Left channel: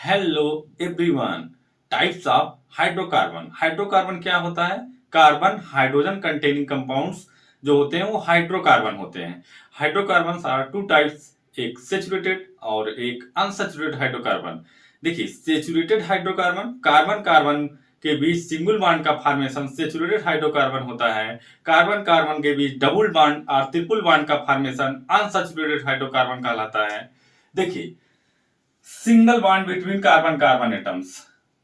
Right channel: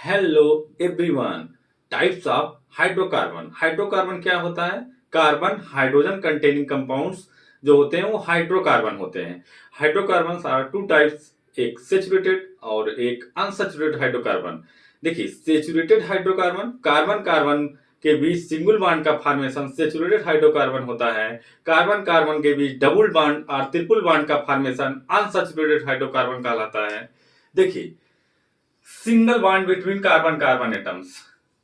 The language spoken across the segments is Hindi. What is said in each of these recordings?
Hello everyone. Types of hydrocarbon. Hydrocarbon क्या होता है? कार्बन हाइड्रोजन कंटेनिंग कंपाउंड्स जो होते हैं वो हाइड्रोकार्बन होते हैं। हाइड्रोकार्बन आर टू टाइप्स, एक सेचुरेटेड और एक अनसेचुरेटेड हाइड्रोकार्बन। देखिए, सेचुरेटेड हाइड्रोकार्बन कार्बन कार्बन के बीच सिंगल बॉन्ड का फॉर्मेशन सेचुरेटेड हाइड्रोकार्बन होता है। कार्बन कार्बन के बीच डबल बॉन्ड और ट्रिपल बॉन्ड का फॉर्मेशन अनसेचुरेटेड हाइड्रोकार्बन कहलाता है। देखिए, single bond between carbon carbon atoms,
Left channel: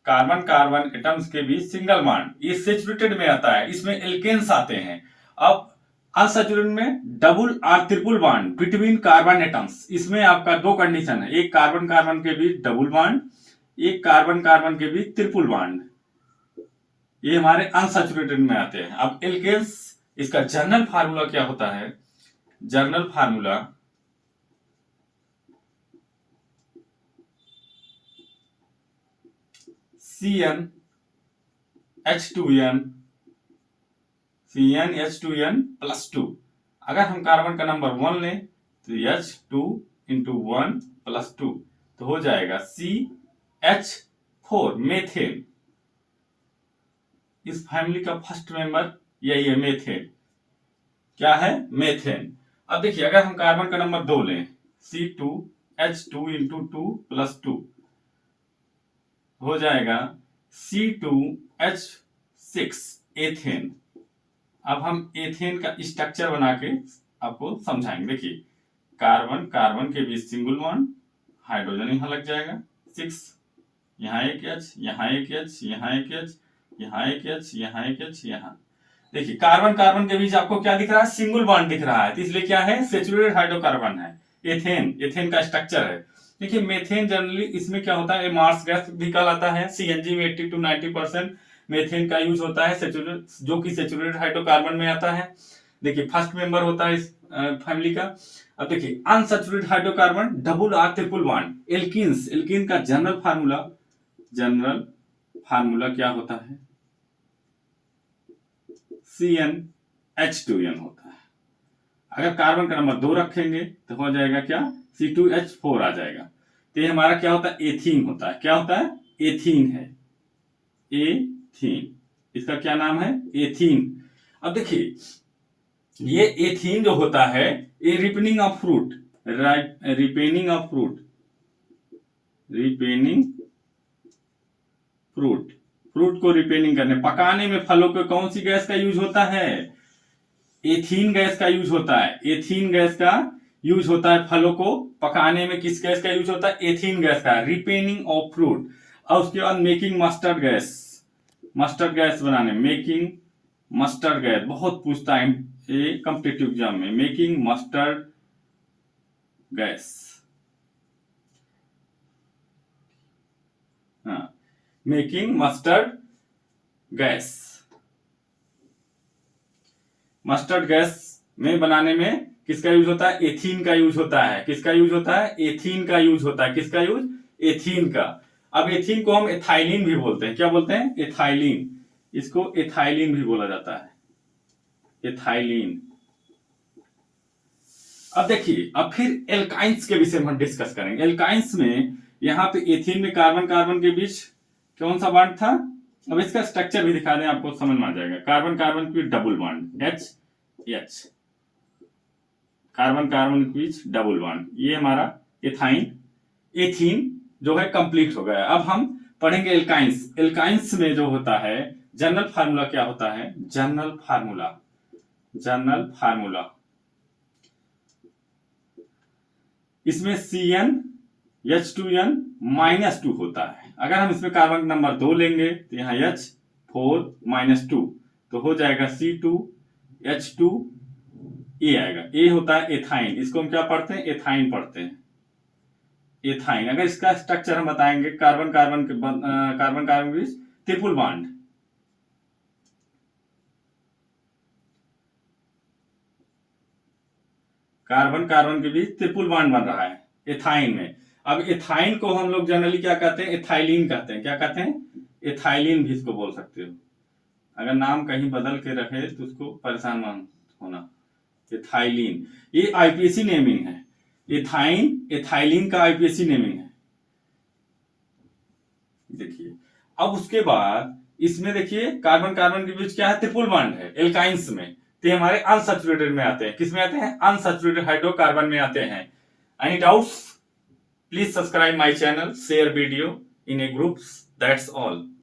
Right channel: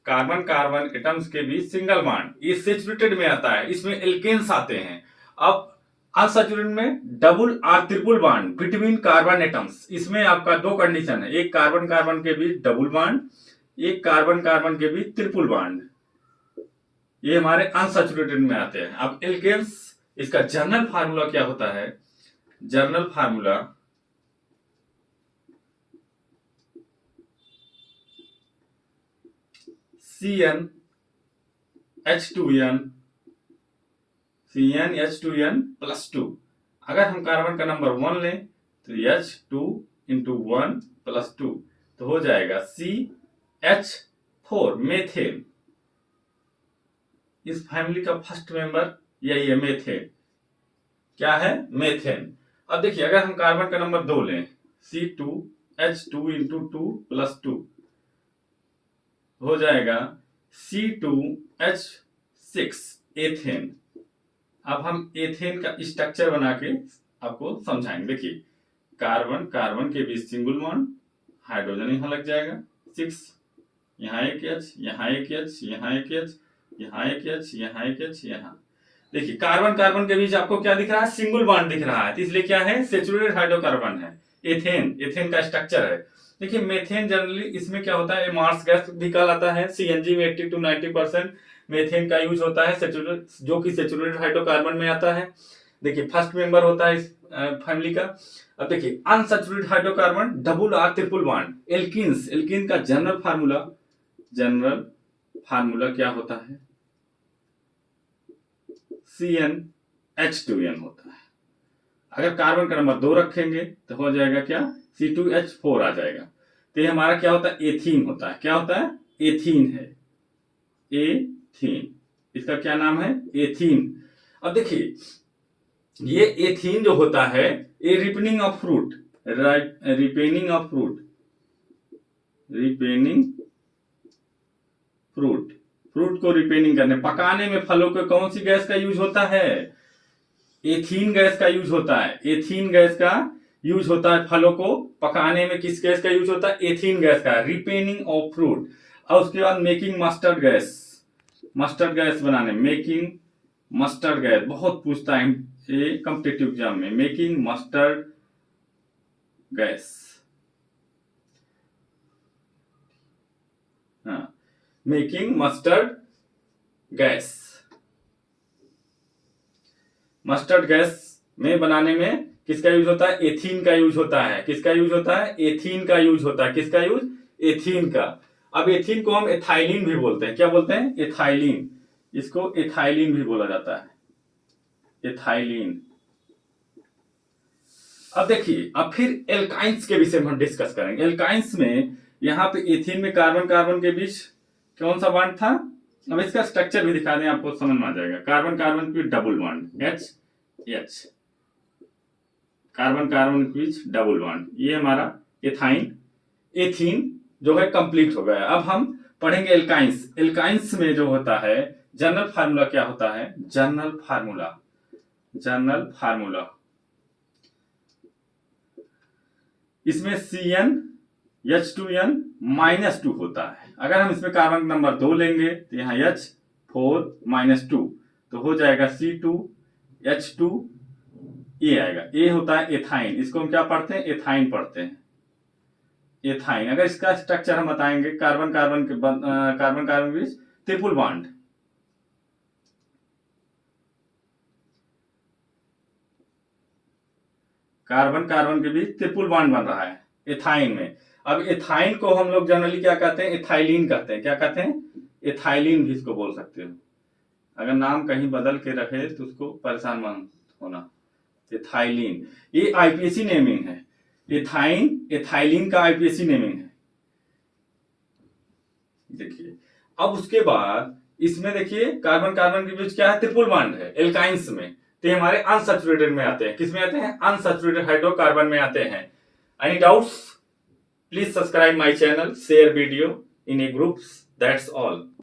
carbon carbon atoms के बीच सिंगल बॉन्ड, ये सेचुरेटेड में आता है, इसमें एल्केन्स आते हैं। अब अनसेचुरेटेड में डबल और triple bond between carbon atoms, इसमें आपका दो कंडीशन है, एक कार्बन कार्बन के बीच डबल बॉन्ड, एक कार्बन कार्बन के बीच ट्रिपल बॉन्ड, ये हमारे अनसेचुरेटेड में आते हैं। अब एल्केन्स, इसका जर्नल फार्मूला क्या होता है? Journal formula CnH2n, CnH2n plus 2। अगर हम कार्बन का नंबर 1 लें तो H2 इंटू 1 प्लस 2 तो हो जाएगा CH4, मेथेन। इस फैमिली का फर्स्ट मेंबर यही है, मेथेन। क्या है? मेथेन। अब देखिए, अगर हम कार्बन का नंबर 2 लें, C2H2 इंटू 2 प्लस 2 हो जाएगा C2H6, एथेन। अब हम एथेन का स्ट्रक्चर बना के आपको समझाएंगे। देखिए, कार्बन कार्बन के बीच सिंगल बॉन्ड, हाइड्रोजन यहां लग जाएगा 6, यहाँ एक एच, यहाँ एक एच, यहाँ एक एच, यहाँ एक एच, यहाँ एक एच, यहाँ। देखिए, कार्बन कार्बन के बीच आपको क्या दिख रहा है? सिंगल बॉन्ड दिख रहा है, तो इसलिए क्या है? सेचुरेटेड हाइड्रोकार्बन है। एथेन, एथेन का स्ट्रक्चर है। देखिए, मेथेन जनरली इसमें क्या होता है? मार्स गैस भी कहलाता है। सीएनजी में 80 to 90% मेथेन का यूज होता है, जो कि सेचुरेटेड हाइड्रोकार्बन में आता है। देखिए, फर्स्ट मेंबर होता है इस फैमिली का। अब देखिए, अनसेचुरेटेड हाइड्रोकार्बन डबल और ट्रिपल बॉन्ड, एल्कीन्स। एल्कीन का जनरल फार्मूला क्या होता है? CnH2n होता है। अगर कार्बन का नंबर 2 रखेंगे तो हो जाएगा क्या? C2H4 आ जाएगा। तो ये हमारा क्या होता है? एथीन होता है। क्या होता है? एथीन है, एथीन। इसका क्या नाम है? एथीन। अब देखिए, ये एथीन जो होता है, ये ripening of fruit, ripening of fruit, ripening fruit, fruit को रिपेनिंग करने, पकाने में फलों को कौन सी गैस का यूज होता है? एथीन गैस का यूज होता है। एथीन गैस का यूज होता है फलों को पकाने में। किस गैस का यूज होता है? एथीन गैस का, रिपेनिंग ऑफ फ्रूट। और उसके बाद making mustard gas, mustard gas बनाने, मेकिंग मस्टर्ड गैस बहुत पूछता है ये कॉम्पिटिटिव एग्जाम में, मेकिंग मस्टर्ड गैस। हाँ, making mustard gas. Mustard gas में बनाने में किसका यूज होता है? एथीन का यूज होता है। किसका यूज होता है? एथीन का यूज होता है। किसका यूज? एथीन का। अब एथीन को हम एथाइलिन भी बोलते हैं। क्या बोलते हैं? एथाइलिन। इसको एथाइलिन भी बोला जाता है, एथाइलिन। अब देखिए, अब फिर एल्काइंस के विषय में हम डिस्कस करेंगे। एल्काइंस में यहाँ पे एथीन में कार्बन कार्बन के बीच कौन सा बॉन्ड था? अब इसका स्ट्रक्चर भी दिखा दें, आपको समझ में आ जाएगा। कार्बन कार्बन के बीच double bond, H H, carbon carbon के बीच डबल बॉन्ड, ये हमारा एथाइन, एथीन जो है कंप्लीट हो गया। अब हम पढ़ेंगे एल्काइंस। एल्काइंस में जो होता है, जनरल फार्मूला क्या होता है? जनरल फार्मूला, जनरल फार्मूला, इसमें CnH2n -2 होता है। अगर हम इसमें कार्बन नंबर 2 लेंगे तो यहाँ H4 -2 तो हो जाएगा C2H2, ए आएगा। ए होता है एथाइन, इसको हम क्या पढ़ते हैं? एथाइन पढ़ते हैं, एथाइन। अगर इसका स्ट्रक्चर हम बताएंगे, कार्बन कार्बन के बीच ट्रिपल बॉन्ड, कार्बन कार्बन के बीच ट्रिपल बॉन्ड बन रहा है एथाइन में। अब एथाइन को हम लोग जनरली क्या कहते हैं? एथाइलिन कहते हैं। क्या कहते हैं? एथाइलिन भी इसको बोल सकते हो। अगर नाम कहीं बदल के रखे तो उसको परेशान मत होना। एथाइलिन, ये आईपीएसी नेमिंग है। एथाइन, एथाइलिन का आईपीएसी नेमिंग है। देखिए अब उसके बाद इसमें देखिए कार्बन कार्बन के बीच क्या है, ट्रिपल बॉन्ड है एल्काइंस में, तो ये हमारे अनसैचुरेटेड में आते हैं। किस में आते हैं? अनसैचुरेटेड हाइड्रोकार्बन में आते हैं। Any doubts? Please subscribe my channel, share video in A groups, that's all.